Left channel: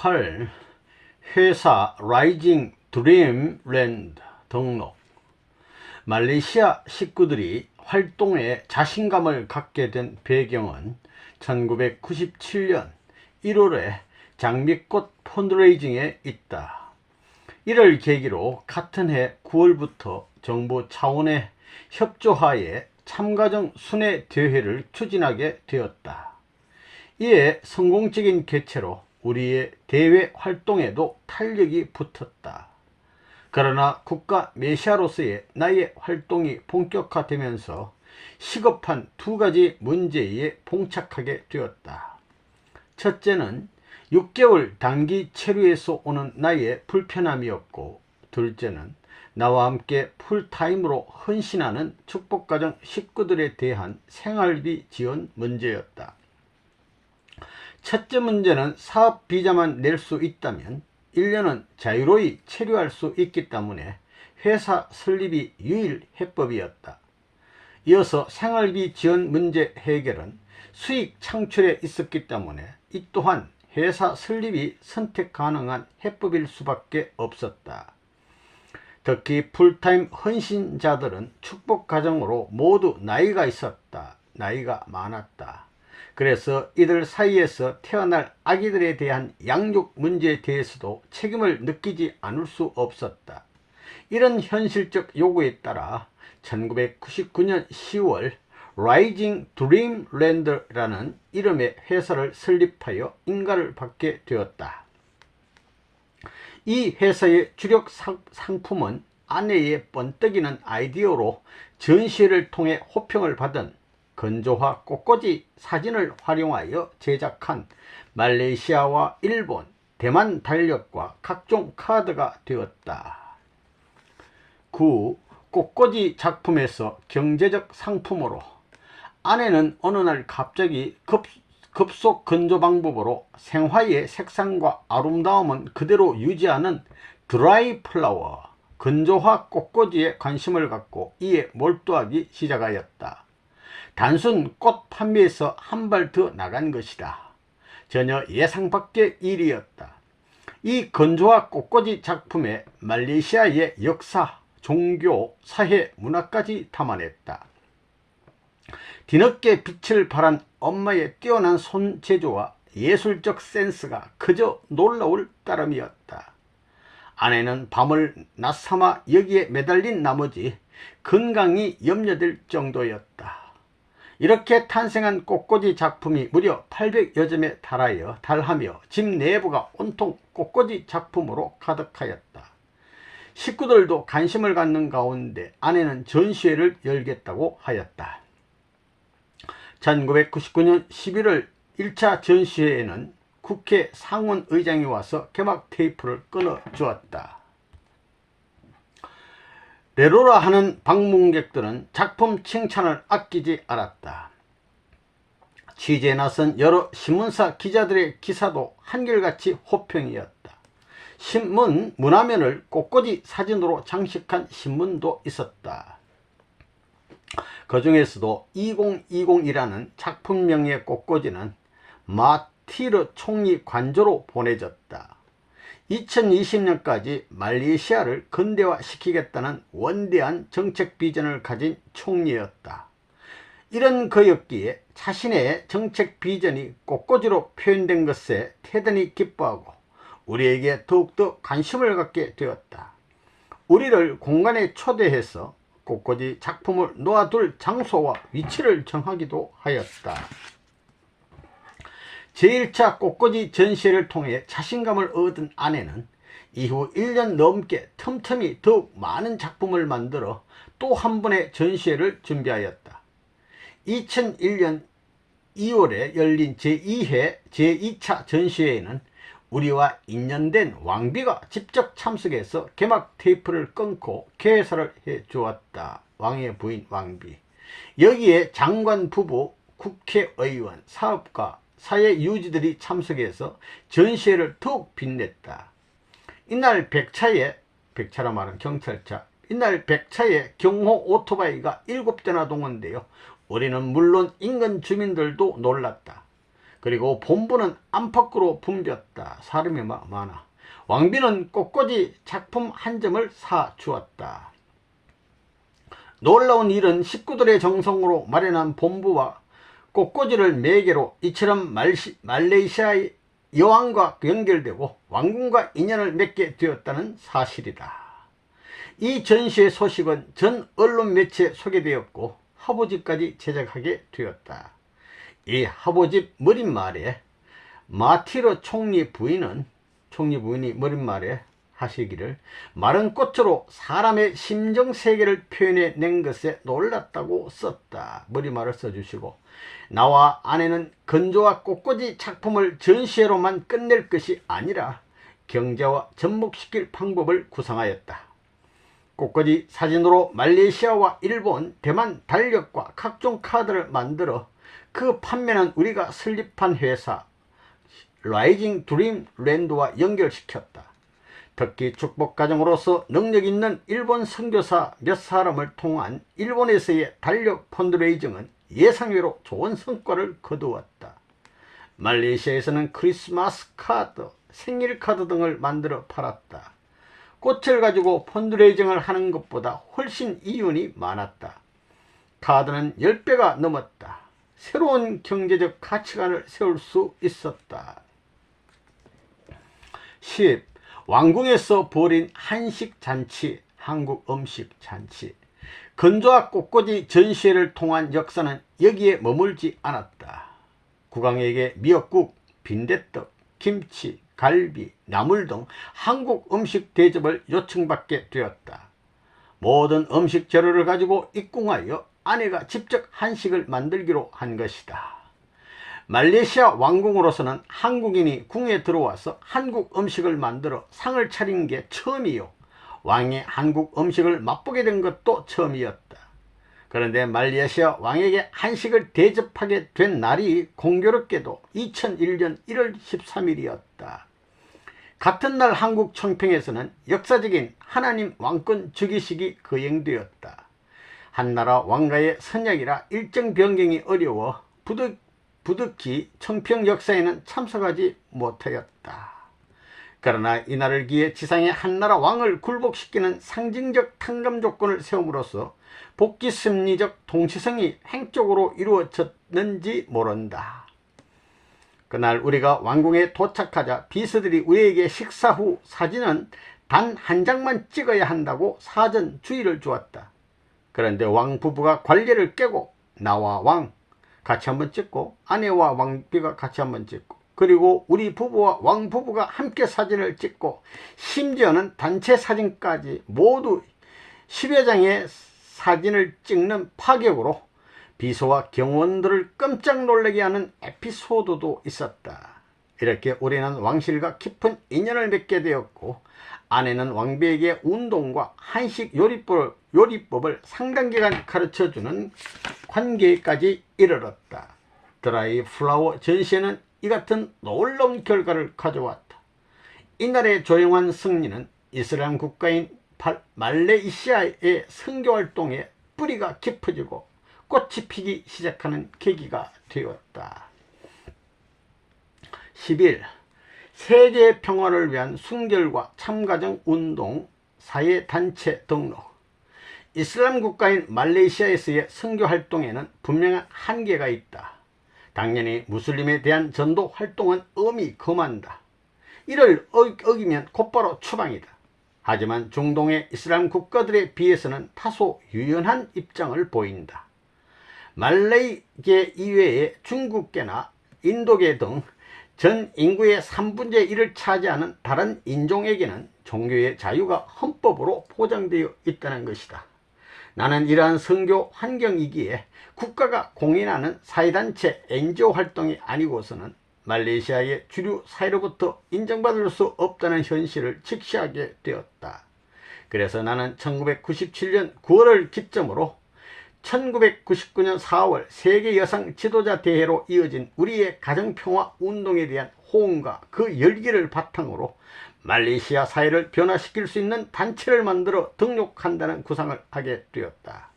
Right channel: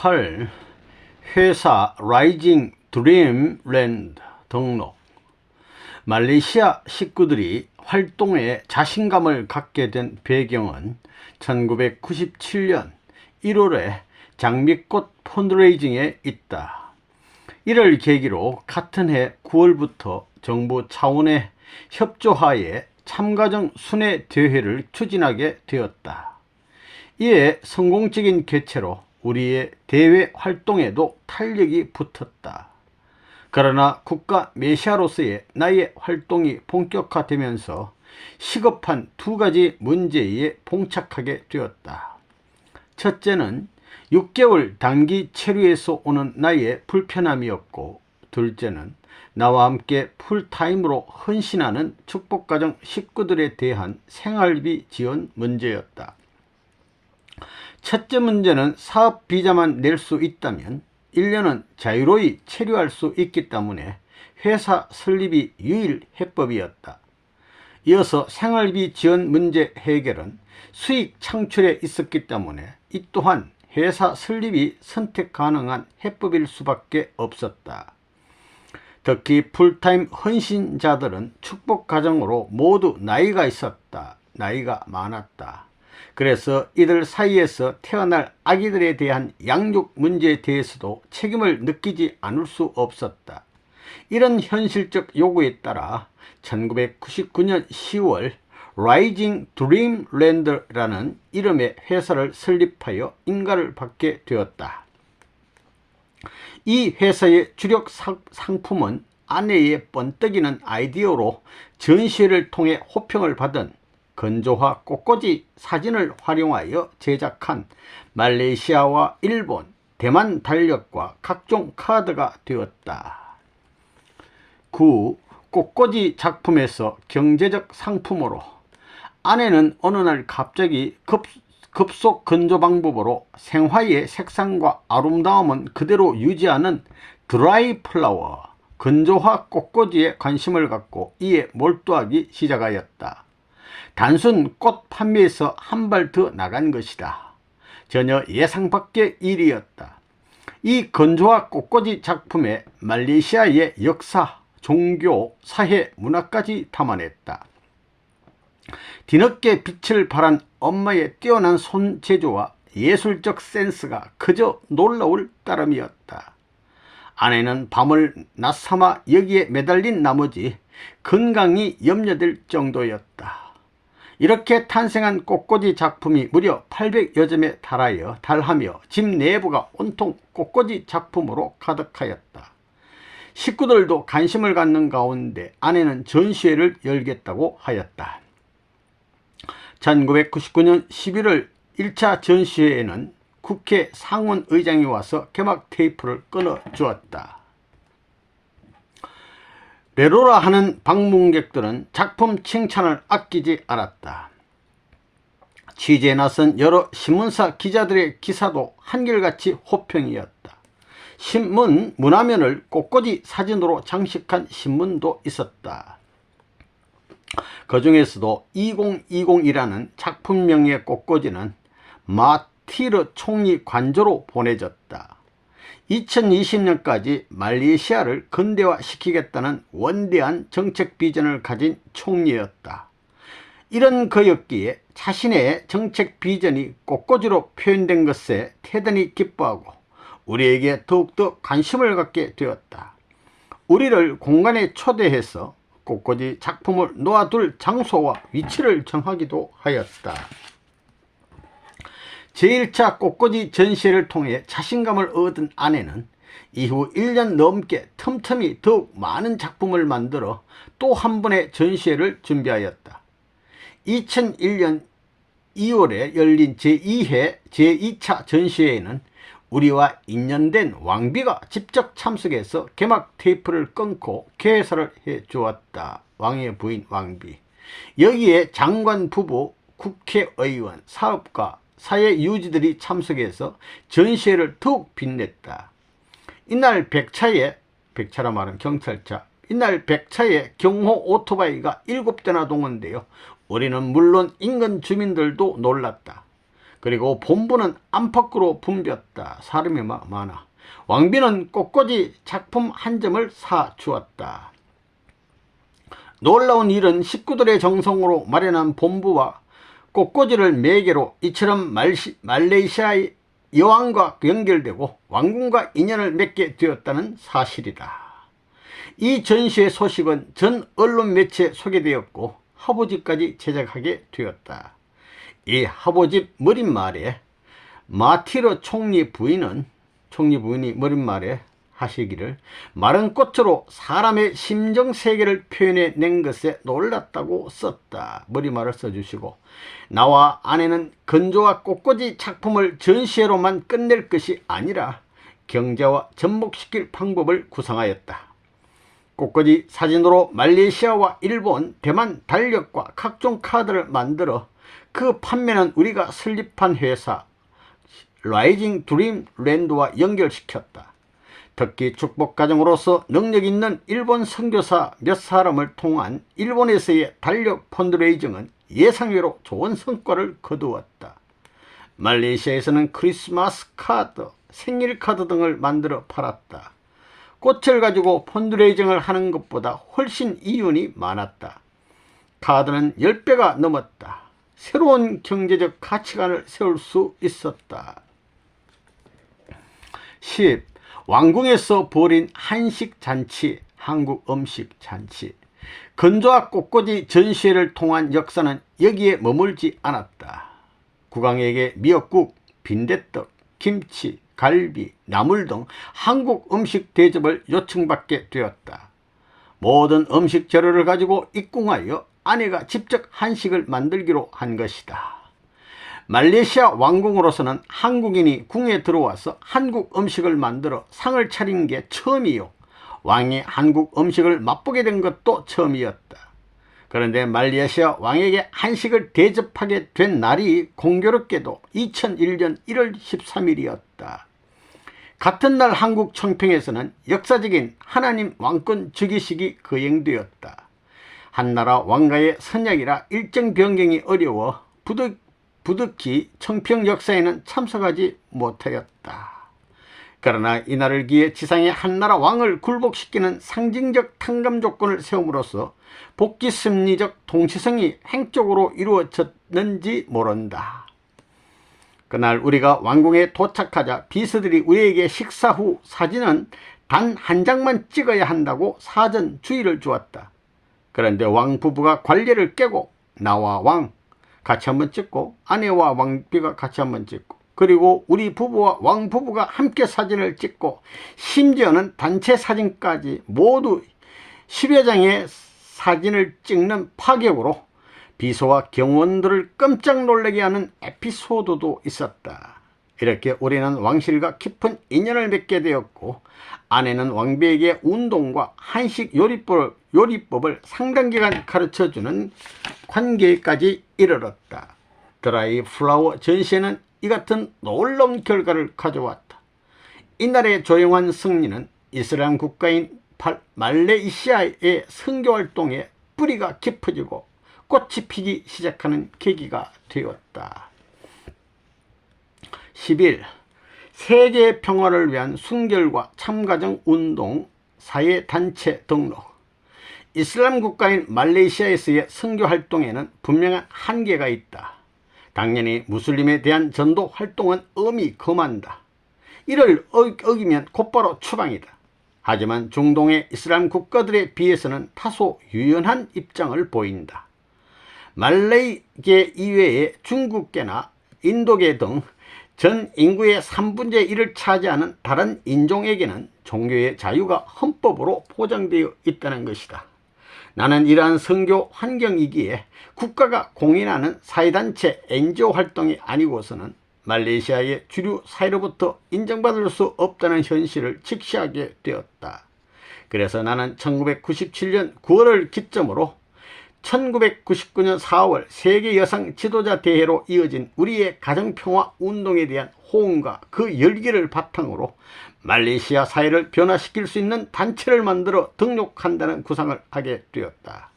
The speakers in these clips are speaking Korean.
8. 회사 라이징 드림랜드 등록. 말레이시아 식구들이 활동에 자신감을 갖게 된 배경은 1997년 1월에 장미꽃 펀드레이징에 있다. 이를 계기로 같은 해 9월부터 정부 차원의 협조하에 참가정 순회 대회를 추진하게 되었다. 이에 성공적인 개최로 우리의 대외 활동에도 탄력이 붙었다. 그러나 국가 메시아로서의 나의 활동이 본격화되면서 시급한 두 가지 문제에 봉착하게 되었다. 첫째는 6개월 단기 체류에서 오는 나의 불편함이었고, 둘째는 나와 함께 풀타임으로 헌신하는 축복가정 식구들에 대한 생활비 지원 문제였다. 첫째 문제는 사업 비자만 낼 수 있다면 1년은 자유로이 체류할 수 있기 때문에 회사 설립이 유일 해법이었다. 이어서 생활비 지원 문제 해결은 수익 창출에 있었기 때문에 이 또한 회사 설립이 선택 가능한 해법일 수밖에 없었다. 특히 풀타임 헌신자들은 축복 가정으로 모두 나이가 있었다. 나이가 많았다. 그래서 이들 사이에서 태어날 아기들에 대한 양육 문제에 대해서도 책임을 느끼지 않을 수 없었다. 이런 현실적 요구에 따라 1999년 10월 라이징 드림랜드라는 이름의 회사를 설립하여 인가를 받게 되었다. 이 회사의 주력 상품은 아내의 번뜩이는 아이디어로 전시회를 통해 호평을 받은 건조화 꽃꽂이 사진을 활용하여 제작한 말레이시아와 일본, 대만 달력과 각종 카드가 되었다. 9. 꽃꽂이 작품에서 경제적 상품으로. 아내는 어느 날 갑자기 급속 건조 방법으로 생화의 색상과 아름다움은 그대로 유지하는 드라이 플라워, 건조화 꽃꽂이에 관심을 갖고 이에 몰두하기 시작하였다. 단순 꽃 판매에서 한 발 더 나간 것이다. 전혀 예상 밖의 일이었다. 이 건조화 꽃꽂이 작품에 말레이시아의 역사, 종교, 사회, 문화까지 담아냈다. 뒤늦게 빛을 발한 엄마의 뛰어난 손재주와 예술적 센스가 그저 놀라울 따름이었다. 아내는 밤을 낮삼아 여기에 매달린 나머지 건강이 염려될 정도였다. 이렇게 탄생한 꽃꽂이 작품이 무려 800여 점에 달하며 집 내부가 온통 꽃꽂이 작품으로 가득하였다. 식구들도 관심을 갖는 가운데 아내는 전시회를 열겠다고 하였다. 1999년 11월 1차 전시회에는 국회 상원의장이 와서 개막 테이프를 끊어주었다. 베로라 하는 방문객들은 작품 칭찬을 아끼지 않았다. 취재에 나선 여러 신문사 기자들의 기사도 한결같이 호평이었다. 신문 문화면을 꽃꽂이 사진으로 장식한 신문도 있었다. 그 중에서도 2020이라는 작품명의 꽃꽂이는 마티르 총리 관저로 보내졌다. 2020년까지 말레이시아를 근대화시키겠다는 원대한 정책 비전을 가진 총리였다. 이런 그였기에 자신의 정책 비전이 꽃꽂이로 표현된 것에 대단히 기뻐하고 우리에게 더욱더 관심을 갖게 되었다. 우리를 공간에 초대해서 꽃꽂이 작품을 놓아둘 장소와 위치를 정하기도 하였다. 제1차 꽃꽂이 전시회를 통해 자신감을 얻은 아내는 이후 1년 넘게 틈틈이 더욱 많은 작품을 만들어 또 한 번의 전시회를 준비하였다. 2001년 2월에 열린 제2회 제2차 전시회에는 우리와 인연된 왕비가 직접 참석해서 개막 테이프를 끊고 개사를 해주었다. 왕의 부인 왕비. 여기에 장관 부부, 국회의원, 사업가, 사회유지들이 참석해서 전시회를 더욱 빛냈다. 이날 백차라 말하면 경찰차, 이날 백차에 경호 오토바이가 7대나 동원되어 우리는 물론 인근 주민들도 놀랐다. 그리고 본부는 안팎으로 붐볐다. 사람이 많아. 왕비는 꽃꽂이 작품 한 점을 사 주었다. 놀라운 일은 식구들의 정성으로 마련한 본부와 꽃꽂이를 매개로 이처럼 말레이시아의 여왕과 연결되고 왕궁과 인연을 맺게 되었다는 사실이다. 이 전시의 소식은 전 언론 매체에 소개되었고 화보집까지 제작하게 되었다. 이 화보집 머릿말에 마티르 총리 부인이 머릿말에 하시기를 마른 꽃으로 사람의 심정세계를 표현해 낸 것에 놀랐다고 썼다. 머리말을 써주시고 나와 아내는 건조와 꽃꽂이 작품을 전시회로만 끝낼 것이 아니라 경제와 접목시킬 방법을 구상하였다. 꽃꽂이 사진으로 말레이시아와 일본, 대만 달력과 각종 카드를 만들어 그 판매는 우리가 설립한 회사 라이징 드림 랜드와 연결시켰다. 특히 축복가정으로서 능력 있는 일본 선교사 몇 사람을 통한 일본에서의 달력 펀드레이징은 예상외로 좋은 성과를 거두었다. 말레이시아에서는 크리스마스 카드, 생일 카드 등을 만들어 팔았다. 꽃을 가지고 펀드레이징을 하는 것보다 훨씬 이윤이 많았다. 카드는 10배가 넘었다. 새로운 경제적 가치관을 세울 수 있었다. 10. 왕궁에서 벌인 한식잔치, 한국 음식잔치. 건조와 꽃꽂이 전시회를 통한 역사는 여기에 머물지 않았다. 국왕에게 미역국, 빈대떡, 김치, 갈비, 나물 등 한국 음식 대접을 요청받게 되었다. 모든 음식 재료를 가지고 입궁하여 아내가 직접 한식을 만들기로 한 것이다. 말레이시아 왕궁으로서는 한국인이 궁에 들어와서 한국 음식을 만들어 상을 차린 게 처음이요. 왕이 한국 음식을 맛보게 된 것도 처음이었다. 그런데 말레이시아 왕에게 한식을 대접하게 된 날이 공교롭게도 2001년 1월 13일이었다. 같은 날 한국 청평에서는 역사적인 하나님 왕권 즉위식이 거행되었다. 한나라 왕가의 선약이라 일정 변경이 어려워 부득이 청평 역사에는 참석하지 못하였다. 그러나 이날을 기해 지상의 한나라 왕을 굴복시키는 상징적 탕감 조건을 세움으로써 복귀 심리적 동시성이 행적으로 이루어졌는지 모른다. 그날 우리가 왕궁에 도착하자 비서들이 우리에게 식사 후 사진은 단 한 장만 찍어야 한다고 사전 주의를 주었다. 그런데 왕 부부가 관례를 깨고 나와 왕 같이 한번 찍고 아내와 왕비가 같이 한번 찍고 그리고 우리 부부와 왕 부부가 함께 사진을 찍고 심지어는 단체 사진까지 모두 10여 장의 사진을 찍는 파격으로 비서와 경호원들을 깜짝 놀라게 하는 에피소드도 있었다. 이렇게 우리는 왕실과 깊은 인연을 맺게 되었고 아내는 왕비에게 운동과 한식 요리법을 상당 기간 가르쳐주는 관계까지 이르렀다. 드라이 플라워 전시회는 이 같은 놀라운 결과를 가져왔다. 이날의 조용한 승리는 이슬람 국가인 말레이시아의 선교활동에 뿌리가 깊어지고 꽃이 피기 시작하는 계기가 되었다. 11. 세계 평화를 위한 순결과 참가정 운동 사회단체 등록. 이슬람 국가인 말레이시아에서의 선교 활동에는 분명한 한계가 있다. 당연히 무슬림에 대한 전도 활동은 엄히금한다. 이를 어기면 곧바로 추방이다. 하지만 중동의 이슬람 국가들에 비해서는 다소 유연한 입장을 보인다. 말레이계 이외에 중국계나 인도계 등 전 인구의 3분의 1을 차지하는 다른 인종에게는 종교의 자유가 헌법으로 보장되어 있다는 것이다. 나는 이러한 선교 환경이기에 국가가 공인하는 사회단체 NGO 활동이 아니고서는 말레이시아의 주류 사회로부터 인정받을 수 없다는 현실을 직시하게 되었다. 그래서 나는 1997년 9월을 기점으로 1999년 4월 세계 여성 지도자 대회로 이어진 우리의 가정평화 운동에 대한 호응과 그 열기를 바탕으로 말레이시아 사회를 변화시킬 수 있는 단체를 만들어 등록한다는 구상을 하게 되었다.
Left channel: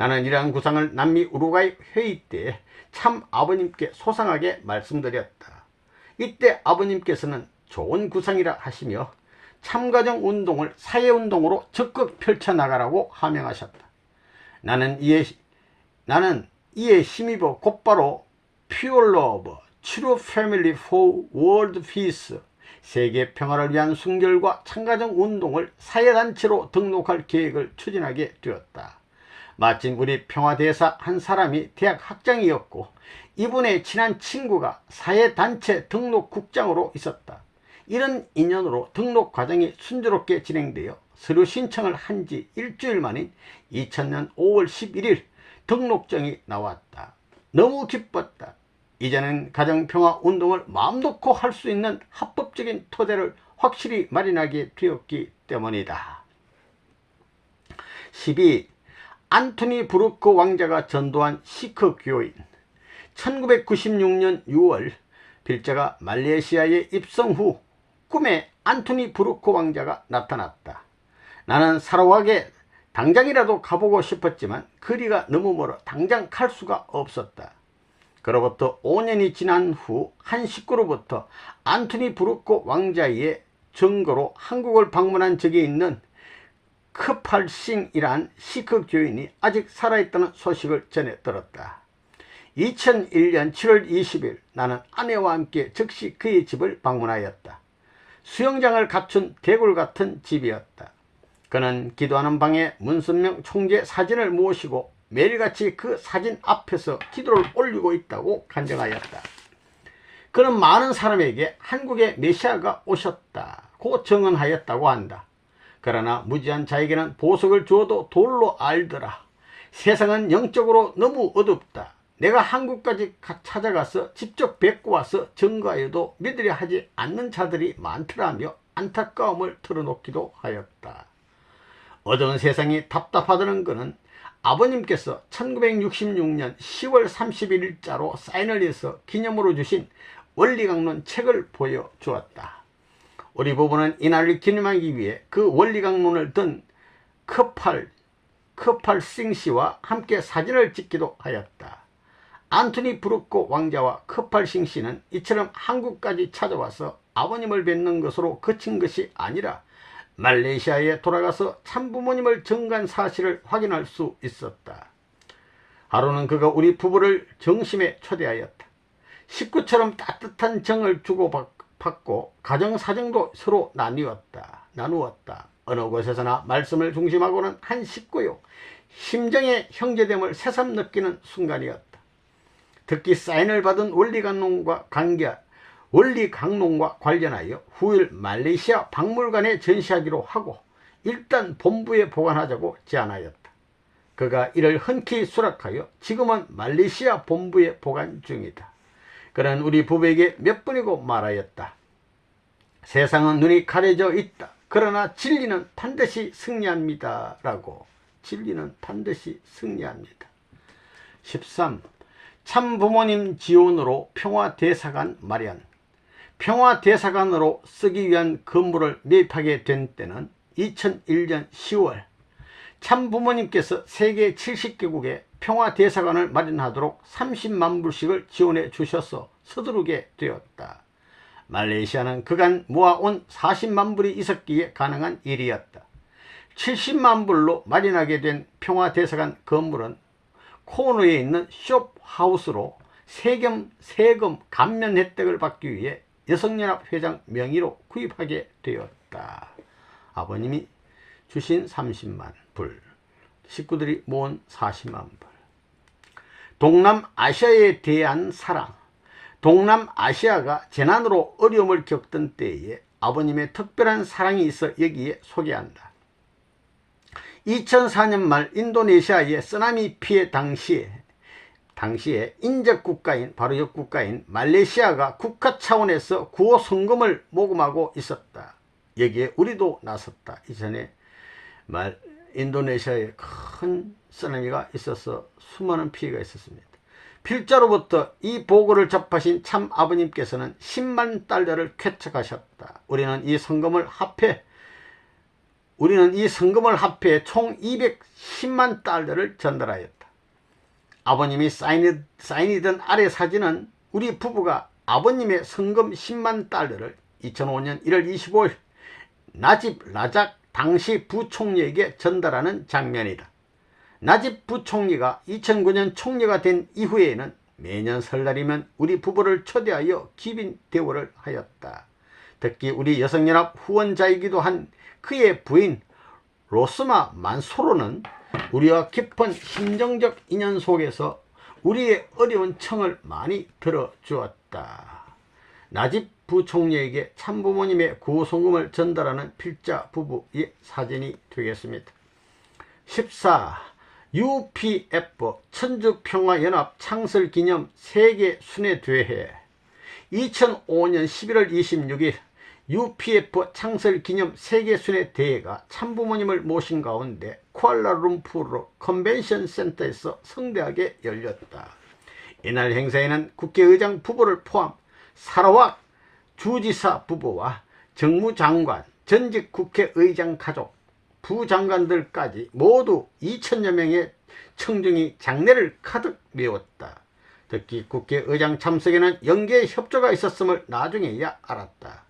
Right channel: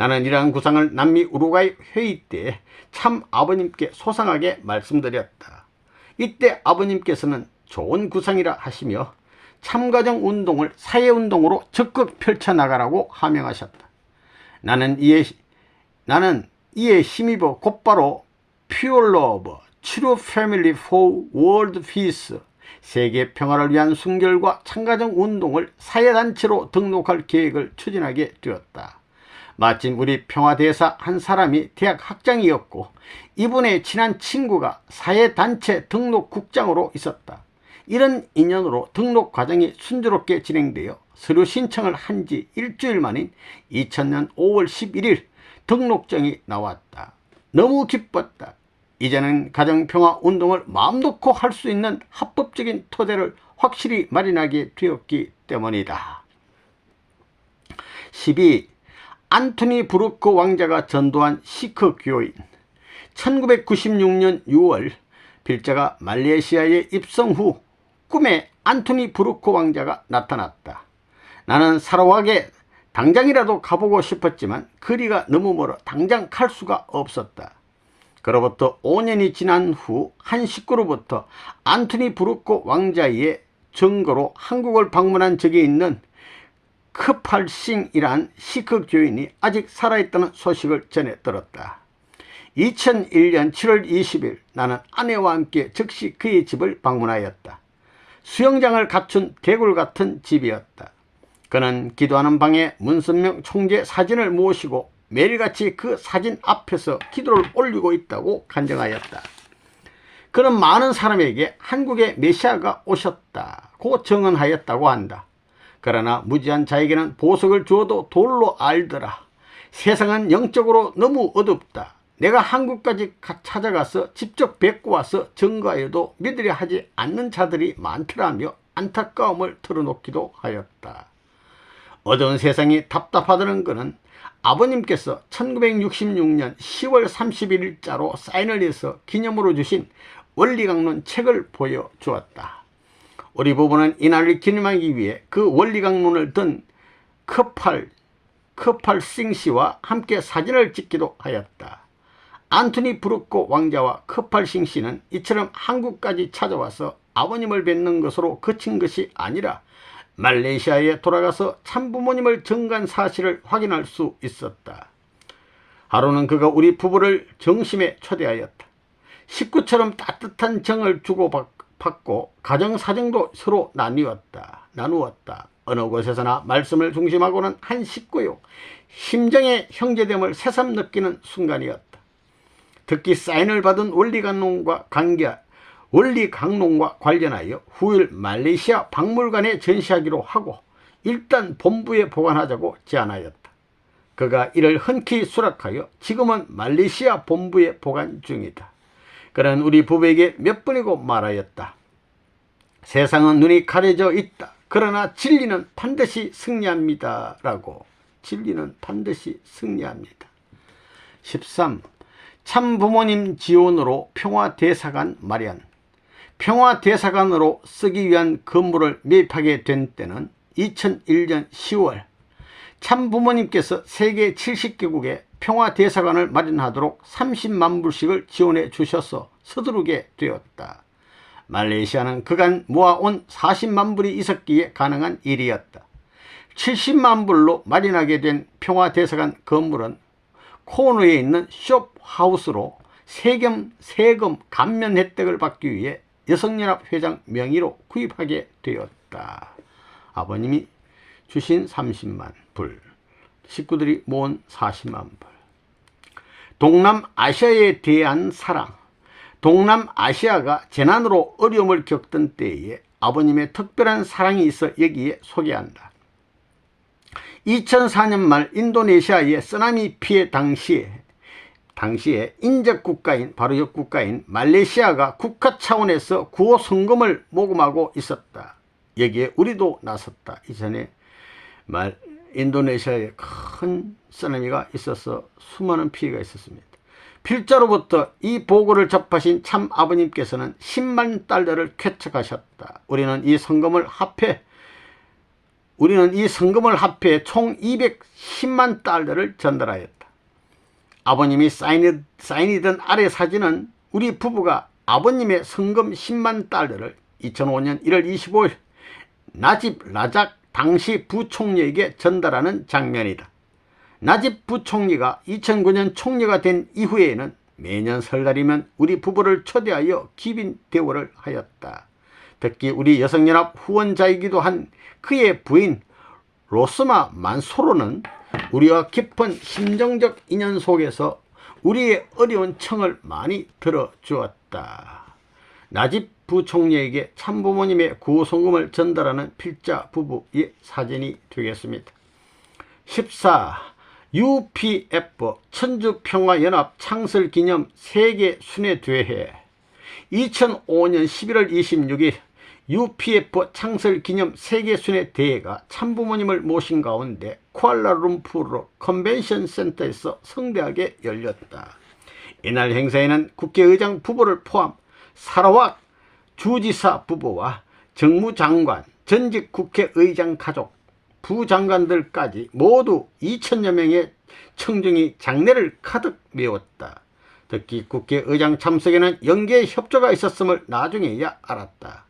나는 이러한 구상을 남미 우루과이 회의 때 참 아버님께 소상하게 말씀드렸다. 이때 아버님께서는 좋은 구상이라 하시며 참가정 운동을 사회운동으로 적극 펼쳐나가라고 하명하셨다. 나는 이에 힘입어 곧바로 Pure Love, True Family for World Peace, 세계 평화를 위한 순결과 참가정 운동을 사회단체로 등록할 계획을 추진하게 되었다. 마침 우리 평화대사 한 사람이 대학 학장이었고 이분의 친한 친구가 사회단체 등록국장으로 있었다. 이런 인연으로 등록 과정이 순조롭게 진행되어 서류 신청을 한 지 일주일 만인 2000년 5월 11일 등록증이 나왔다. 너무 기뻤다. 이제는 가정평화운동을 마음 놓고 할 수 있는 합법적인 토대를 확실히 마련하게 되었기 때문이다. 12. 안토니 브루크 왕자가 전도한 시크 교인. 1996년 6월 빌자가 말레이시아에 입성 후 꿈에 안토니 브루크 왕자가 나타났다. 나는 사로하게 당장이라도 가보고 싶었지만 거리가 너무 멀어 당장 갈 수가 없었다. 그로부터 5년이 지난 후 한 식구로부터 안토니 브루크 왕자의 증거로 한국을 방문한 적이 있는 크팔싱이란 시크 교인이 아직 살아있다는 소식을 전해 들었다. 2001년 7월 20일 나는 아내와 함께 즉시 그의 집을 방문하였다. 수영장을 갖춘 대굴 같은 집이었다. 그는 기도하는 방에 문선명 총재 사진을 모시고 매일같이 그 사진 앞에서 기도를 올리고 있다고 간증하였다. 그는 많은 사람에게 한국에 메시아가 오셨다고 증언하였다고 한다. 그러나 무지한 자에게는 보석을 주어도 돌로 알더라. 세상은 영적으로 너무 어둡다. 내가 한국까지 찾아가서 직접 뵙고 와서 증거하여도 믿으려 하지 않는 자들이 많더라며 안타까움을 털어놓기도 하였다. 어두운 세상이 답답하다는 것은 아버님께서 1966년 10월 31일자로 사인을 해서 기념으로 주신 원리강론 책을 보여주었다. 우리 부부는 이날을 기념하기 위해 그 원리강론을 든 크팔싱 씨와 함께 사진을 찍기도 하였다. 안토니 브루크 왕자와 크팔싱 씨는 이처럼 한국까지 찾아와서 아버님을 뵙는 것으로 그친 것이 아니라 말레이시아에 돌아가서 참부모님을 증거한 사실을 확인할 수 있었다. 하루는 그가 우리 부부를 정심에 초대하였다. 식구처럼 따뜻한 정을 주고받고 가정사정도 서로 나누었다. 어느 곳에서나 말씀을 중심하고는 한 식구요. 심정의 형제됨을 새삼 느끼는 순간이었다. 특히 사인을 받은 원리강론과 관련하여 후일 말레이시아 박물관에 전시하기로 하고 일단 본부에 보관하자고 제안하였다. 그가 이를 흔쾌히 수락하여 지금은 말레이시아 본부에 보관 중이다. 그는 우리 부부에게 몇 번이고 말하였다. 세상은 눈이 가려져 있다. 그러나 진리는 반드시 승리합니다. 라고. 진리는 반드시 승리합니다. 13. 참부모님 지원으로 평화대사관 마련. 평화대사관으로 쓰기 위한 건물을 매입하게 된 때는 2001년 10월 참부모님께서 세계 70개국에 평화대사관을 마련하도록 30만 불씩을 지원해 주셔서 서두르게 되었다. 말레이시아는 그간 모아온 40만 불이 있었기에 가능한 일이었다. 70만 불로 마련하게 된 평화대사관 건물은 코너에 있는 숍하우스로 세금 감면 혜택을 받기 위해 여성연합 회장 명의로 구입하게 되었다. 아버님이 주신 30만 불, 식구들이 모은 40만 불. 동남아시아에 대한 사랑. 동남아시아가 재난으로 어려움을 겪던 때에 아버님의 특별한 사랑이 있어 여기에 소개한다. 2004년 말 인도네시아의 쓰나미 피해 당시에 인접국가인 바로 옆국가인 말레이시아가 국가 차원에서 구호 성금을 모금하고 있었다. 여기에 우리도 나섰다. 이전에 인도네시아에 큰 쓰나미가 있어서 수많은 피해가 있었습니다. 필자로부터 이 보고를 접하신 참 아버님께서는 10만 달러를 쾌척하셨다. 우리는 이 성금을 합해 우리는 이 성금을 합해 총 210만 달러를 전달하였다. 아버님이 사인이던 아래 사진은 우리 부부가 아버님의 성금 10만 달러를 2005년 1월 25일 나집 라작 당시 부총리에게 전달하는 장면이다. 나집 부총리가 2009년 총리가 된 이후에는 매년 설날이면 우리 부부를 초대하여 기빈 대우를 하였다. 특히 우리 여성연합 후원자이기도 한 그의 부인 로스마 만소로는 우리와 깊은 심정적 인연 속에서 우리의 어려운 청을 많이 들어주었다. 나집 부총리에게 참부모님의 구성금을 전달하는 필자 부부의 사진이 되겠습니다. 14. UPF 천주평화연합 창설기념 세계순회대회 2005년 11월 26일 UPF 창설기념 세계순회대회가 참부모님을 모신 가운데 쿠알라룸푸르 컨벤션 센터에서 성대하게 열렸다. 이날 행사에는 국회의장 부부를 포함 사라왁 주지사 부부와 정무장관, 전직 국회의장 가족, 부장관들까지 모두 2천여 명의 청중이 장례를 가득 메웠다. 특히 국회의장 참석에는 영계 협조가 있었음을 나중에야 알았다.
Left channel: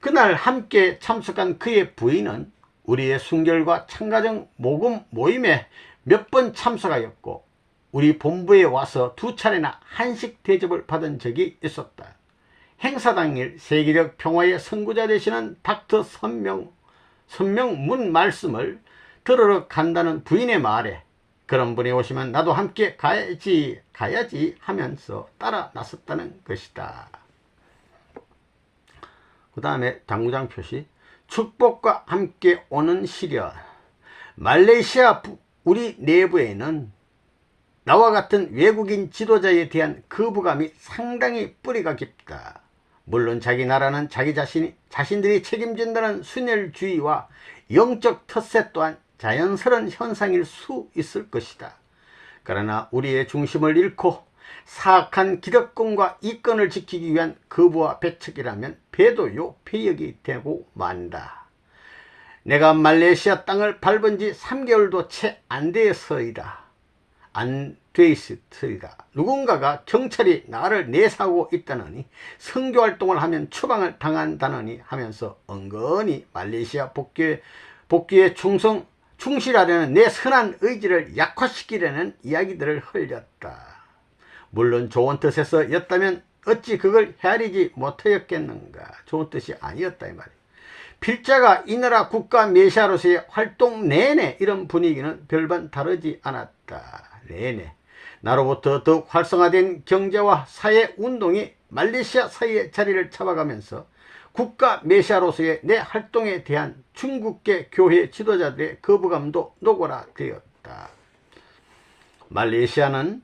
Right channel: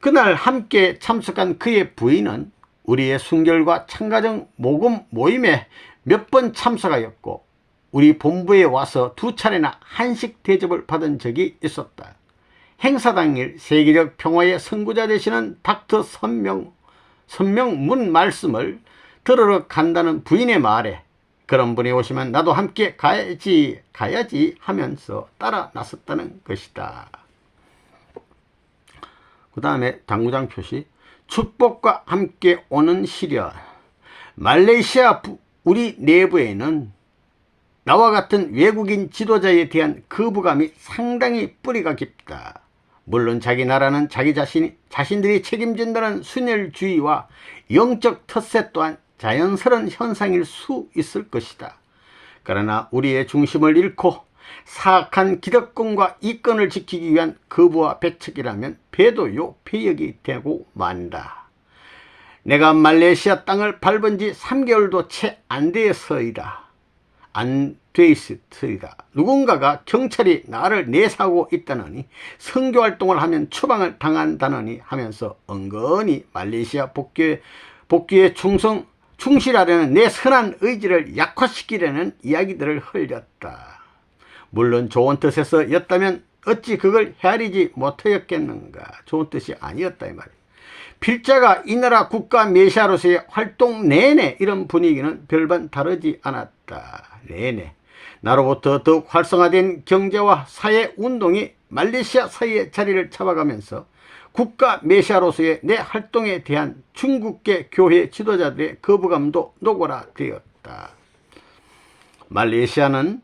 그날 함께 참석한 그의 부인은 우리의 순결과 참가정 모금 모임에 몇 번 참석하였고 우리 본부에 와서 2차례나 한식 대접을 받은 적이 있었다. 행사 당일 세계적 평화의 선구자 되시는 닥터 선명문 말씀을 들으러 간다는 부인의 말에 그런 분이 오시면 나도 함께 가야지 하면서 따라 나섰다는 것이다. 그 다음에 당구장 표시 축복과 함께 오는 시련. 말레이시아 우리 내부에는 나와 같은 외국인 지도자에 대한 거부감이 상당히 뿌리가 깊다. 물론 자기 나라는 자기 자신들이 책임진다는 순혈주의와 영적 텃세 또한 자연스러운 현상일 수 있을 것이다. 그러나 우리의 중심을 잃고 사악한 기득권과 이권을 지키기 위한 거부와 배척이라면 배도요 배역이 되고 만다. 내가 말레이시아 땅을 밟은 지 3개월도 채 안 되어서이다. 누군가가 경찰이 나를 내사하고 있다느니 선교활동을 하면 추방을 당한다느니 하면서 은근히 말레이시아 복귀에 충실하려는 내 선한 의지를 약화시키려는 이야기들을 흘렸다. 물론 좋은 뜻에서 였다면 어찌 그걸 헤아리지 못하였겠는가. 좋은 뜻이 아니었다 이 말이야. 필자가 이 나라 국가 메시아로서의 활동 내내 이런 분위기는 별반 다르지 않았다. 내내 나로부터 더욱 활성화된 경제와 사회운동이 말레이시아 사이에 자리를 잡아가면서 국가 메시아로서의 내 활동에 대한 중국계 교회 지도자들의 거부감도 노골화되었다. 말레이시아는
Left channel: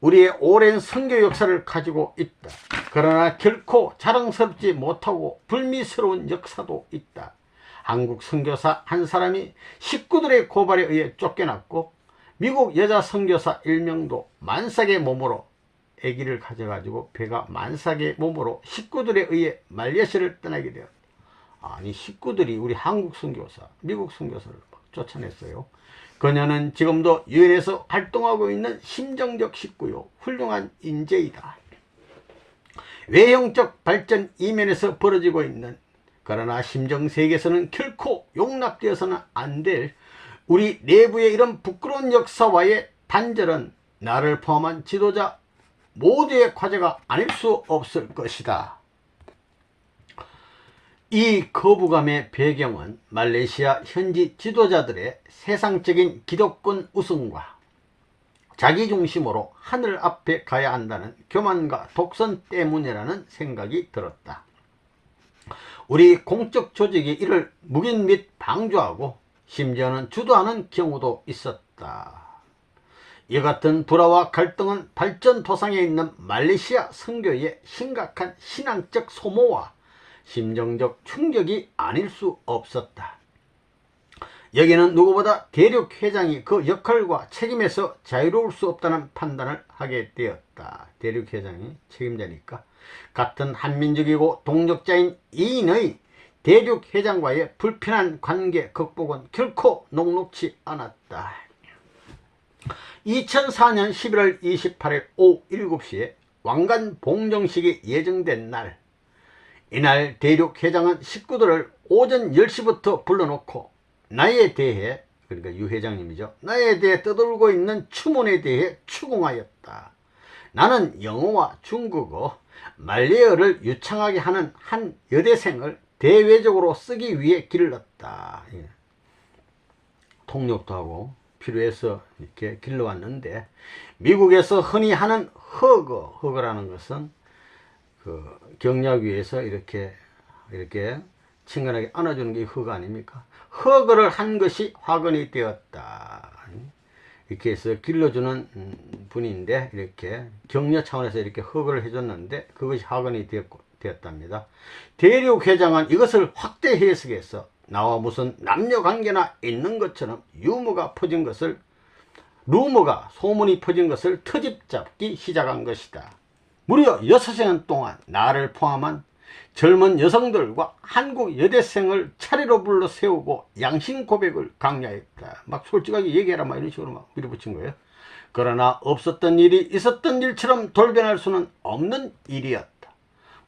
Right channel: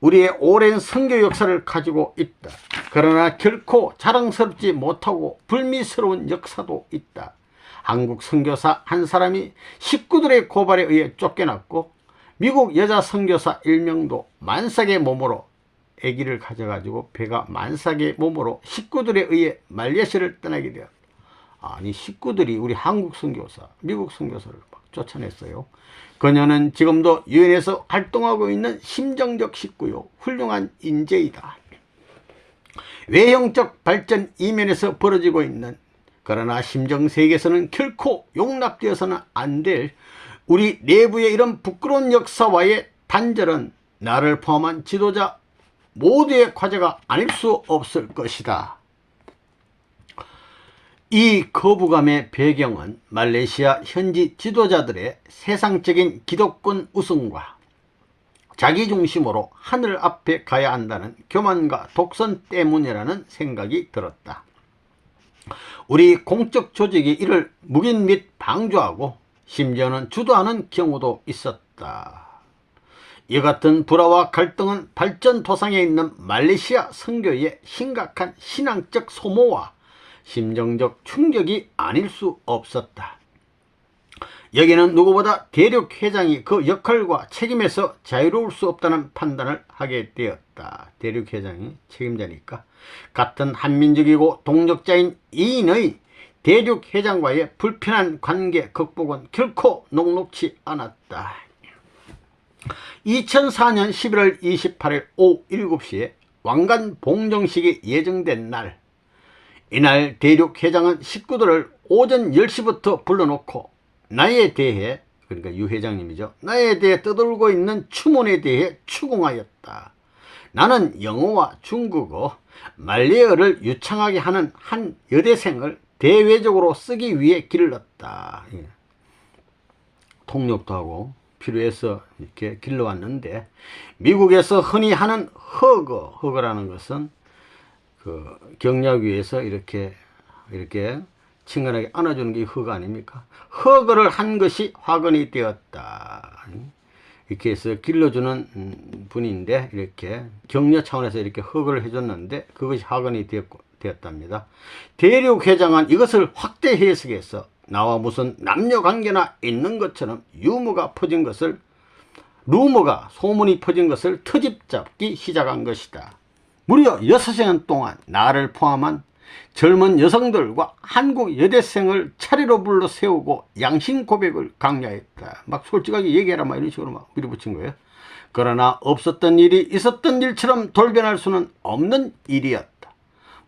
우리의 오랜 선교 역사를 가지고 있다. 그러나 결코 자랑스럽지 못하고 불미스러운 역사도 있다. 한국 선교사 한 사람이 식구들의 고발에 의해 쫓겨났고 미국 여자 선교사 1명도 만삭의 몸으로 아기를 가져가지고 배가 만삭의 몸으로 식구들에 의해 말레이시아를 떠나게 되었다. 아니 식구들이 우리 한국 선교사, 미국 선교사를 막 쫓아냈어요. 그녀는 지금도 유엔에서 활동하고 있는 심정적 식구요 훌륭한 인재이다. 외형적 발전 이면에서 벌어지고 있는 그러나 심정세계에서는 결코 용납되어서는 안 될 우리 내부의 이런 부끄러운 역사와의 단절은 나를 포함한 지도자 모두의 과제가 아닐 수 없을 것이다. 이 거부감의 배경은 말레이시아 현지 지도자들의 세상적인 기득권 우승과 자기중심으로 하늘 앞에 가야 한다는 교만과 독선 때문이라는 생각이 들었다. 우리 공적 조직이 이를 묵인 및 방조하고 심지어는 주도하는 경우도 있었다. 이 같은 불화와 갈등은 발전 도상에 있는 말레이시아 선교의 심각한 신앙적 소모와 심정적 충격이 아닐 수 없었다. 여기는 누구보다 대륙 회장이 그 역할과 책임에서 자유로울 수 없다는 판단을 하게 되었다. 대륙 회장이 책임자니까 같은 한민족이고 동력자인 이인의 대륙 회장과의 불편한 관계 극복은 결코 녹록지 않았다. 2004년 11월 28일 오후 7시에 왕관 봉정식이 예정된 날, 이날 대륙 회장은 식구들을 오전 10시부터 불러놓고 나에 대해, 그러니까 유 회장님이죠, 나에 대해 떠돌고 있는 추문에 대해 추궁하였다. 나는 영어와 중국어, 말레어를 유창하게 하는 한 여대생을 대외적으로 쓰기 위해 길렀다. 통역도 하고 필요해서 이렇게 길러왔는데, 미국에서 흔히 하는 허거라는 것은 그 경약 위에서 이렇게 친근하게 안아주는 게 허거 아닙니까? 허거를 한 것이 화근이 되었다. 이렇게 해서 길러주는 분인데, 이렇게 격려 차원에서 이렇게 허거를 해줬는데 그것이 화근이 되었답니다. 대륙 회장은 이것을 확대 해석해서 나와 무슨 남녀관계나 있는 것처럼 소문이 퍼진 것을 트집 잡기 시작한 것이다. 무려 6시간 동안 나를 포함한 젊은 여성들과 한국 여대생을 차례로 불러 세우고 양심 고백을 강요했다. 막 솔직하게 얘기해라, 막 이런 식으로 막 밀어붙인 거예요. 그러나 없었던 일이 있었던 일처럼 돌변할 수는 없는 일이었다.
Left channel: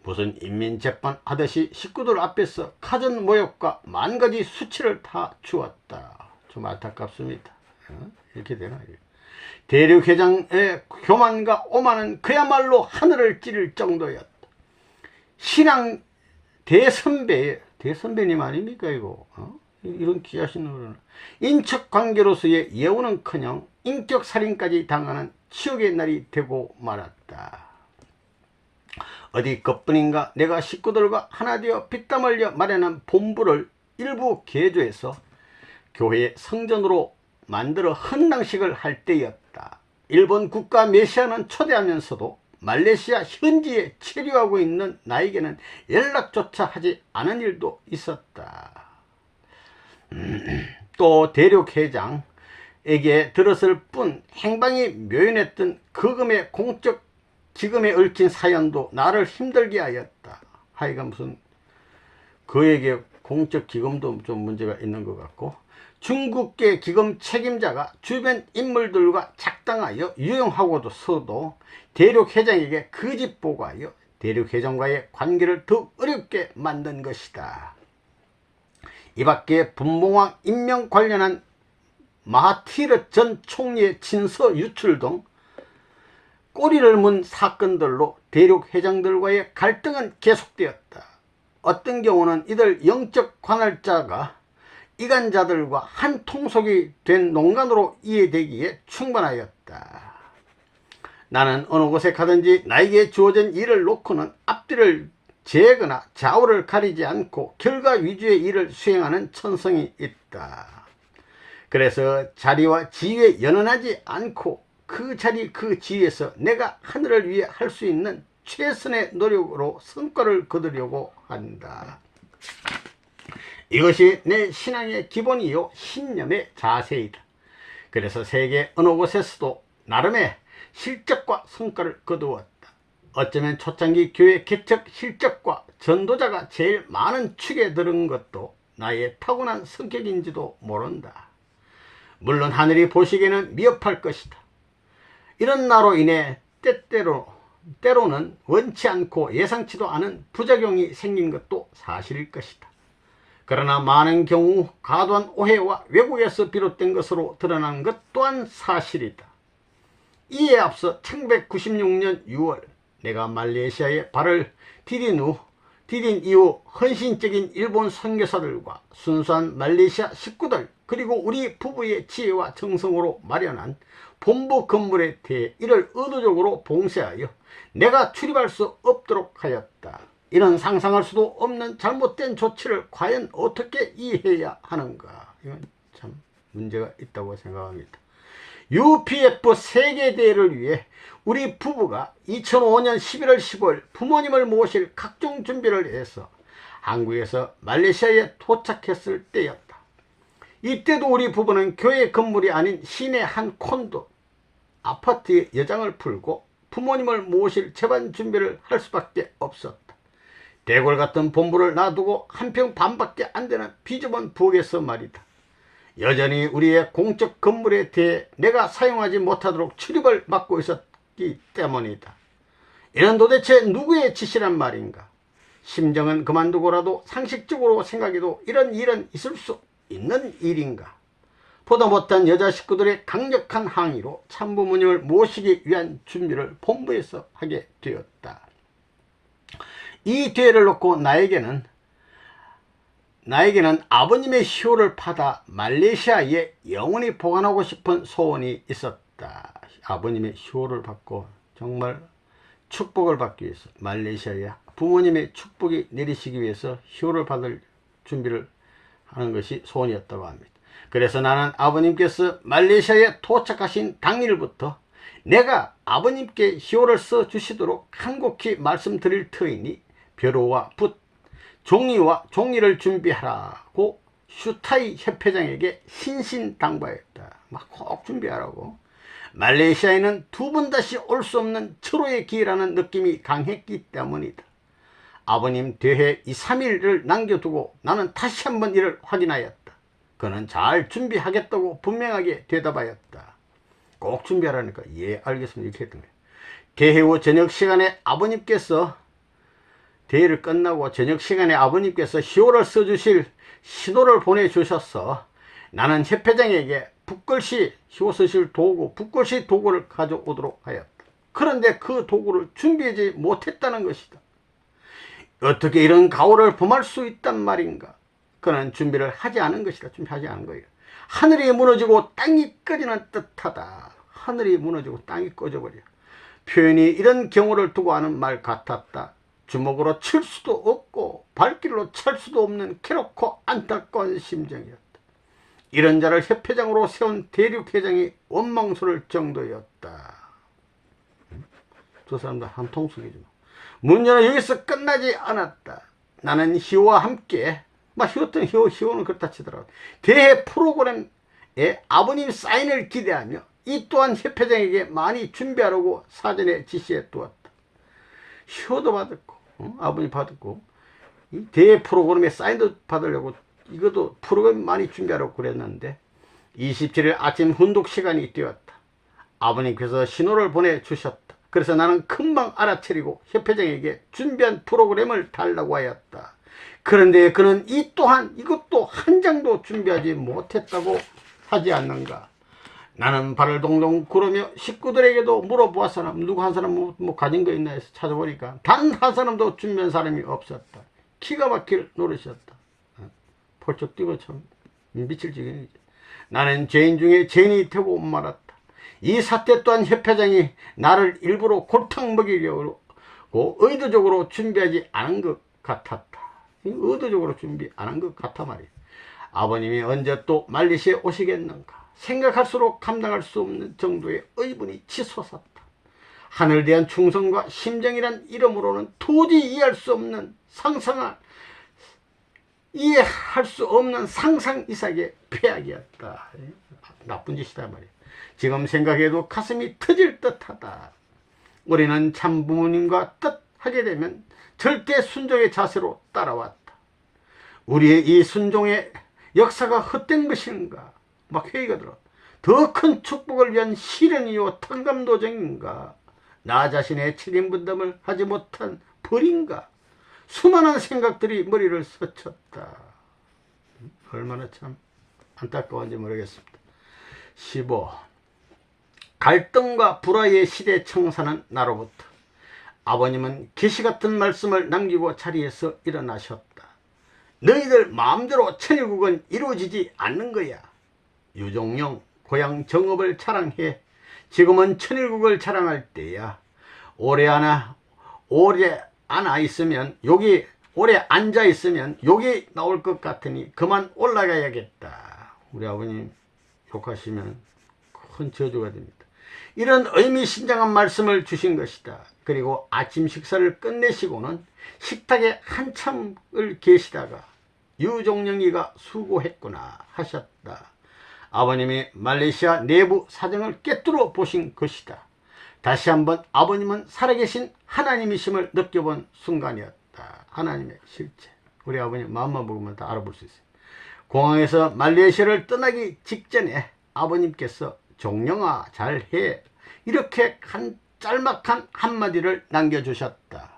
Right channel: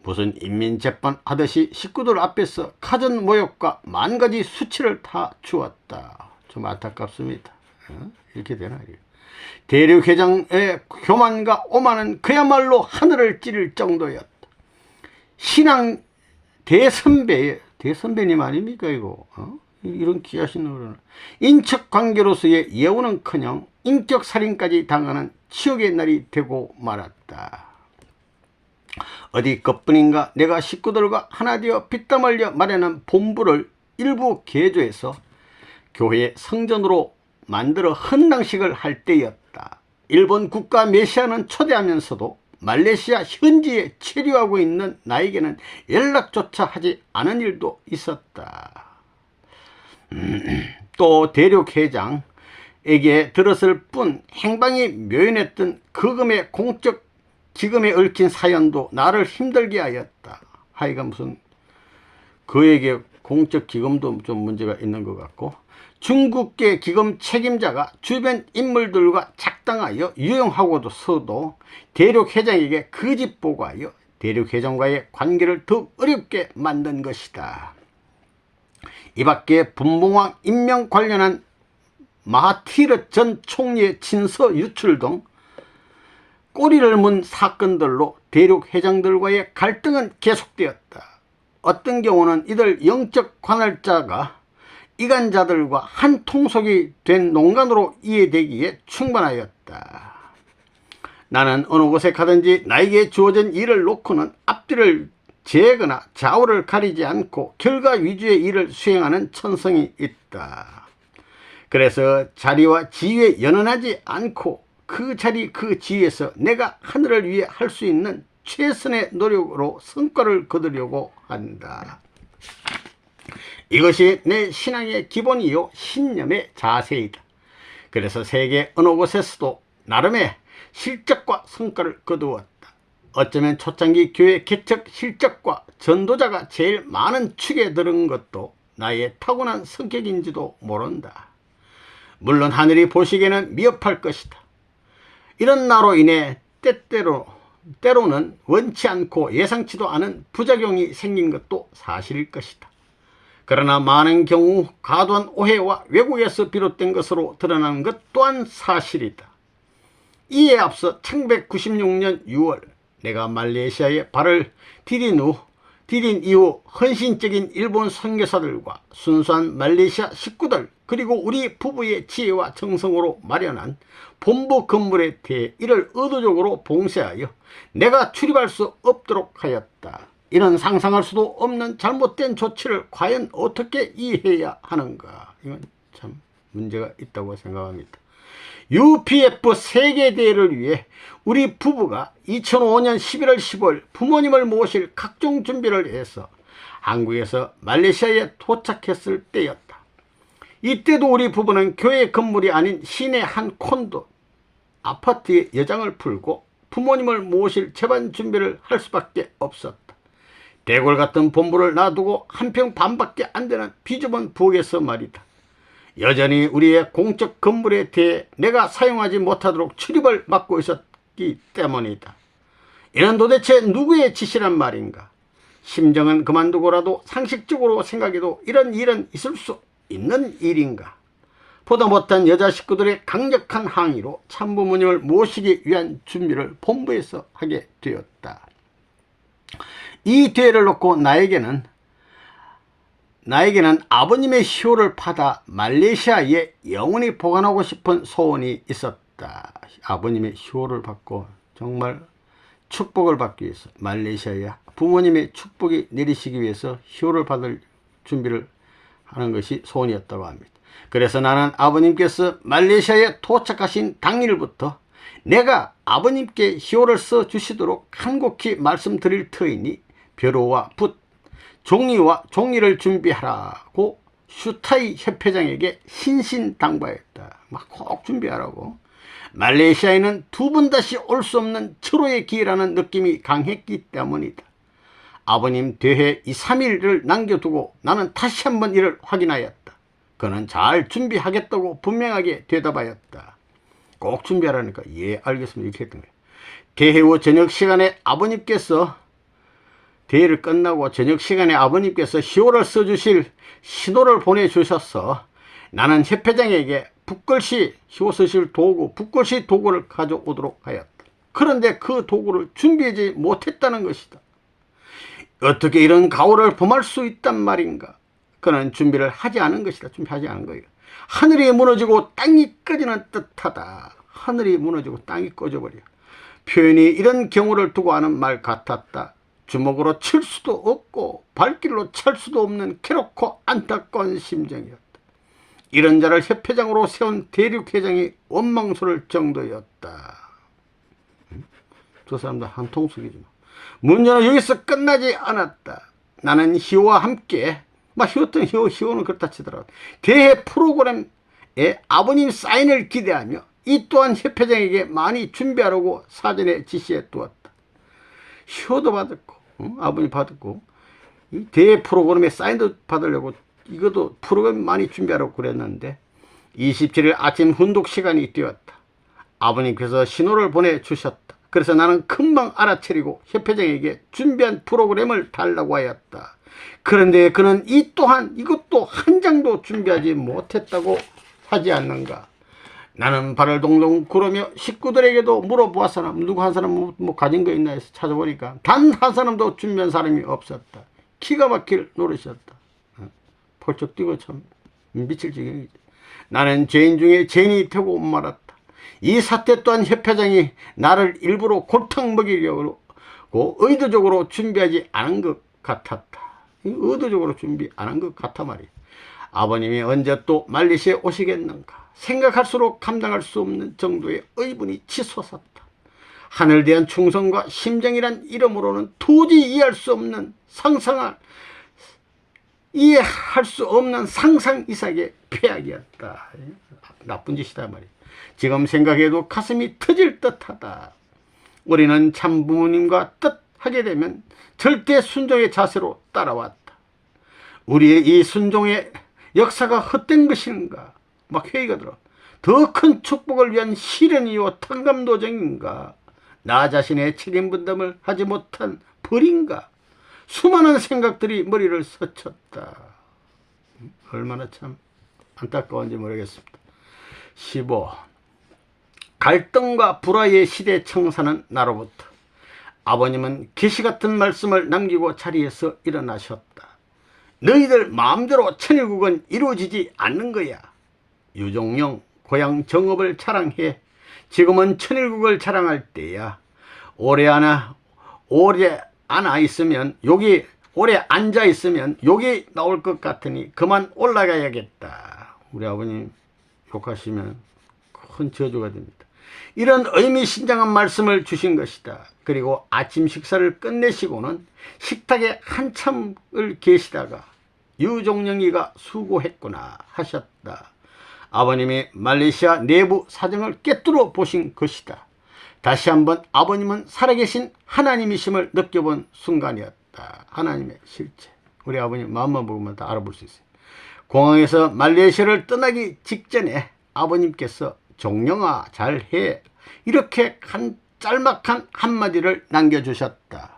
무슨 인민재판 하듯이 식구들 앞에서 가전 모욕과 만가지 수치를 다 주었다. 좀 안타깝습니다. 이렇게 되나? 대륙 회장의 교만과 오만은 그야말로 하늘을 찌를 정도였다. 신앙 대선배님 아닙니까 이거? 이런 귀하신 거는 인척 관계로서의 예우는커녕 인격 살인까지 당하는 치욕의 날이 되고 말았다. 어디 것뿐인가 내가 식구들과 하나 되어 피땀 흘려 마련한 본부를 일부 개조해서 교회 성전으로 만들어 헌당식을 할 때였다. 일본 국가 메시아는 초대하면서도 말레이시아 현지에 체류하고 있는 나에게는 연락조차 하지 않은 일도 있었다. 또 대륙 회장에게 들었을 뿐 행방이 묘연했던 그금의 공적 기금에 얽힌 사연도 나를 힘들게 하였다. 하여간 무슨 그에게 공적 기금도 좀 문제가 있는 것 같고, 중국계 기금 책임자가 주변 인물들과 작당하여 유용하고서도 대륙 회장에게 거짓 보고하여 대륙 회장과의 관계를 더욱 어렵게 만든 것이다. 이 밖에 분봉왕 임명 관련한 마하티르 전 총리의 친서 유출 등 꼬리를 문 사건들로 대륙 회장들과의 갈등은 계속되었다. 어떤 경우는 이들 영적 관할자가 이간자들과 한 통속이 된 농간으로 이해되기에 충분하였다. 나는 어느 곳에 가든지 나에게 주어진 일을 놓고는 앞뒤를 재거나 좌우를 가리지 않고 결과 위주의 일을 수행하는 천성이 있다. 그래서 자리와 지위에 연연하지 않고 그 자리 그 지위에서 내가 하늘을 위해 할 수 있는 최선의 노력으로 성과를 거두려고 한다. 이것이 내 신앙의 기본이요 신념의 자세이다. 그래서 세계 어느 곳에서도 나름의 실적과 성과를 거두었다. 어쩌면 초창기 교회 개척 실적과 전도자가 제일 많은 축에 들은 것도 나의 타고난 성격인지도 모른다. 물론 하늘이 보시기에는 미흡할 것이다. 이런 나로 인해 때로는 원치 않고 예상치도 않은 부작용이 생긴 것도 사실일 것이다. 그러나 많은 경우 과도한 오해와 왜곡에서 비롯된 것으로 드러나는 것 또한 사실이다. 이에 앞서 1996년 6월 내가 말레이시아에 발을 디딘 이후 헌신적인 일본 선교사들과 순수한 말레이시아 식구들 그리고 우리 부부의 지혜와 정성으로 마련한 본부 건물에 대해 이를 의도적으로 봉쇄하여 내가 출입할 수 없도록 하였다. 이런 상상할 수도 없는 잘못된 조치를 과연 어떻게 이해해야 하는가? 이건 참 문제가 있다고 생각합니다. UPF 세계대회를 위해 우리 부부가 2005년 11월 15일 부모님을 모실 각종 준비를 해서 한국에서 말레이시아에 도착했을 때였다. 이때도 우리 부부는 교회 건물이 아닌 시내 한 콘도 아파트에 여장을 풀고 부모님을 모실 재반 준비를 할 수밖에 없었다. 대골 같은 본부를 놔두고 한 평 반밖에 안 되는 비좁은 부엌에서 말이다. 여전히 우리의 공적 건물에 대해 내가 사용하지 못하도록 출입을 막고 있었기 때문이다. 이는 도대체 누구의 짓이란 말인가? 심정은 그만두고라도 상식적으로 생각해도 이런 일은 있을 수 있는 일인가? 보다 못한 여자 식구들의 강력한 항의로 참부모님을 모시기 위한 준비를 본부에서 하게 되었다. 이 기회를 놓고 나에게는 아버님의 희호를 받아 말레이시아에 영원히 보관하고 싶은 소원이 있었다. 아버님의 희호를 받고 정말 축복을 받기 위해서 말레이시아에 부모님의 축복이 내리시기 위해서 희호를 받을 준비를 하는 것이 소원이었다고 합니다. 그래서 나는 아버님께서 말레이시아에 도착하신 당일부터 내가 아버님께 희호를 써주시도록 간곡히 말씀드릴 터이니 벼로와 붓, 종이와 종이를 준비하라고 슈타이 협회장에게 신신당부했다. 막 꼭 준비하라고. 말레이시아에는 두 번 다시 올 수 없는 철호의 기회라는 느낌이 강했기 때문이다. 아버님 되해 2, 3일을 남겨두고 나는 다시 한번 이를 확인하였다. 그는 잘 준비하겠다고 분명하게 대답하였다. 꼭 준비하라니까 예 알겠습니다 이렇게 했던 거예요. 대회 후 저녁 시간에 아버님께서 대회를 끝나고 저녁 시간에 아버님께서 희호를 써주실 신호를 보내주셔서 나는 협회장에게 붓글씨 희호 쓰실 도구 붓글씨 도구를 가져오도록 하였다. 그런데 그 도구를 준비하지 못했다는 것이다. 어떻게 이런 가오를 범할 수 있단 말인가? 그는 준비를 하지 않은 것이다. 준비하지 않은 거예요. 하늘이 무너지고 땅이 꺼지는 듯하다. 하늘이 무너지고 땅이 꺼져버려. 표현이 이런 경우를 두고 하는 말 같았다. 주먹으로 칠 수도 없고 발길로 찰 수도 없는 괴롭고 안타까운 심정이었다. 이런 자를 협회장으로 세운 대륙회장이 원망스러울 정도였다. 두 사람들 한 통속이죠. 문제는 여기서 끝나지 않았다. 나는 희호와 함께 희호는 그렇다 치더라도 대회 프로그램에 아버님 사인을 기대하며 이 또한 협회장에게 많이 준비하라고 사전에 지시해 두었다. 희호도 받았고 아버님 받았고 이 대회 프로그램에 사인도 받으려고 이것도 프로그램 많이 준비하라고 그랬는데 27일 아침 훈독 시간이 되었다. 아버님께서 신호를 보내주셨다. 그래서 나는 금방 알아차리고 협회장에게 준비한 프로그램을 달라고 하였다. 그런데 그는 이것도 한 장도 준비하지 못했다고 하지 않는가. 나는 발을 동동 구르며 식구들에게도 물어보았으나 누구 한 사람 뭐 가진 거 있나 해서 찾아보니까 단 한 사람도 준비한 사람이 없었다. 기가 막힐 노릇이었다. 펄쩍 뛰고 참 미칠 지경이지. 나는 죄인 중에 죄인이 되고 말았다. 이 사태 또한 협회장이 나를 일부러 골탕 먹이려고 의도적으로 준비하지 않은 것 같았다. 의도적으로 준비 안 한 것 같아 말이야. 아버님이 언제 또 말레이시아에 오시겠는가. 생각할수록 감당할 수 없는 정도의 의분이 치솟았다. 하늘에 대한 충성과 심정이란 이름으로는 도저히 이해할 수 없는 이해할 수 없는 상상 이상의 폐악이었다. 나쁜 짓이다 말이야. 지금 생각해도 가슴이 터질 듯하다. 우리는 참 부모님과 뜻하게 되면 절대 순종의 자세로 따라왔다. 우리의 이 순종의 역사가 헛된 것인가? 막 회의가 들어. 더 큰 축복을 위한 시련이요 탕감도정인가? 나 자신의 책임 분담을 하지 못한 벌인가? 수많은 생각들이 머리를 스쳤다. 얼마나 참 안타까운지 모르겠습니다. 15. 갈등과 불화의 시대 청사는 나로부터. 아버님은 계시같은 말씀을 남기고 자리에서 일어나셨다. 너희들 마음대로 천일국은 이루어지지 않는 거야. 유종영 고향 정읍을 자랑해. 지금은 천일국을 자랑할 때야. 오래 앉아 있으면 욕이 나올 것 같으니 그만 올라가야겠다. 우리 아버님 욕하시면 큰 저주가 됩니다. 이런 의미심장한 말씀을 주신 것이다. 그리고 아침 식사를 끝내시고는 식탁에 한참을 계시다가 유종영이가 수고했구나 하셨다. 아버님이 말레이시아 내부 사정을 꿰뚫어 보신 것이다. 다시 한번 아버님은 살아계신 하나님이심을 느껴본 순간이었다. 주셨다. 하나님의 실체. 우리 아버님 마음만 보면 다 알아볼 수 있어요. 공항에서 말레이시아를 떠나기 직전에 아버님께서 종영아 잘해 이렇게 짤막한 한마디를 남겨주셨다.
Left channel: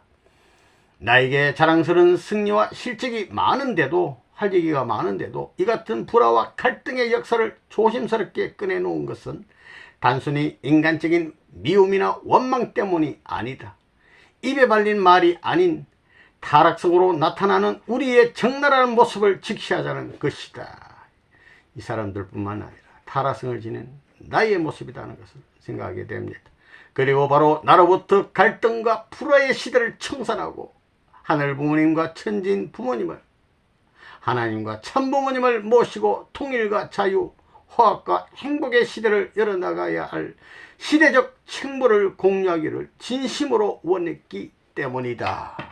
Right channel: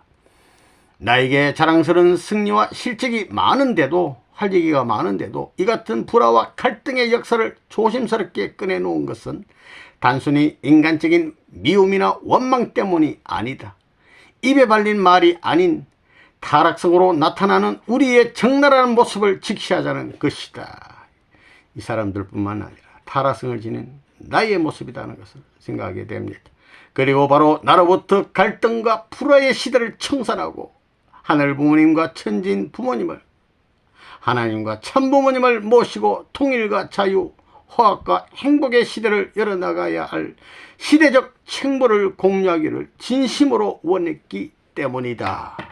나에게 자랑스러운 승리와 실적이 많은데도 할 얘기가 많은데도 이 같은 불화와 갈등의 역사를 조심스럽게 꺼내놓은 것은 단순히 인간적인 미움이나 원망 때문이 아니다. 입에 발린 말이 아닌 타락성으로 나타나는 우리의 적나라한 모습을 직시하자는 것이다. 이 사람들뿐만 아니라 타락성을 지닌 나의 모습이라는 것을 생각하게 됩니다. 그리고 바로 나로부터 갈등과 불화의 시대를 청산하고 하늘 부모님과 천진 부모님을 하나님과 참 부모님을 모시고 통일과 자유, 화합과 행복의 시대를 열어나가야 할 시대적 책무를 공유하기를 진심으로 원했기 때문이다.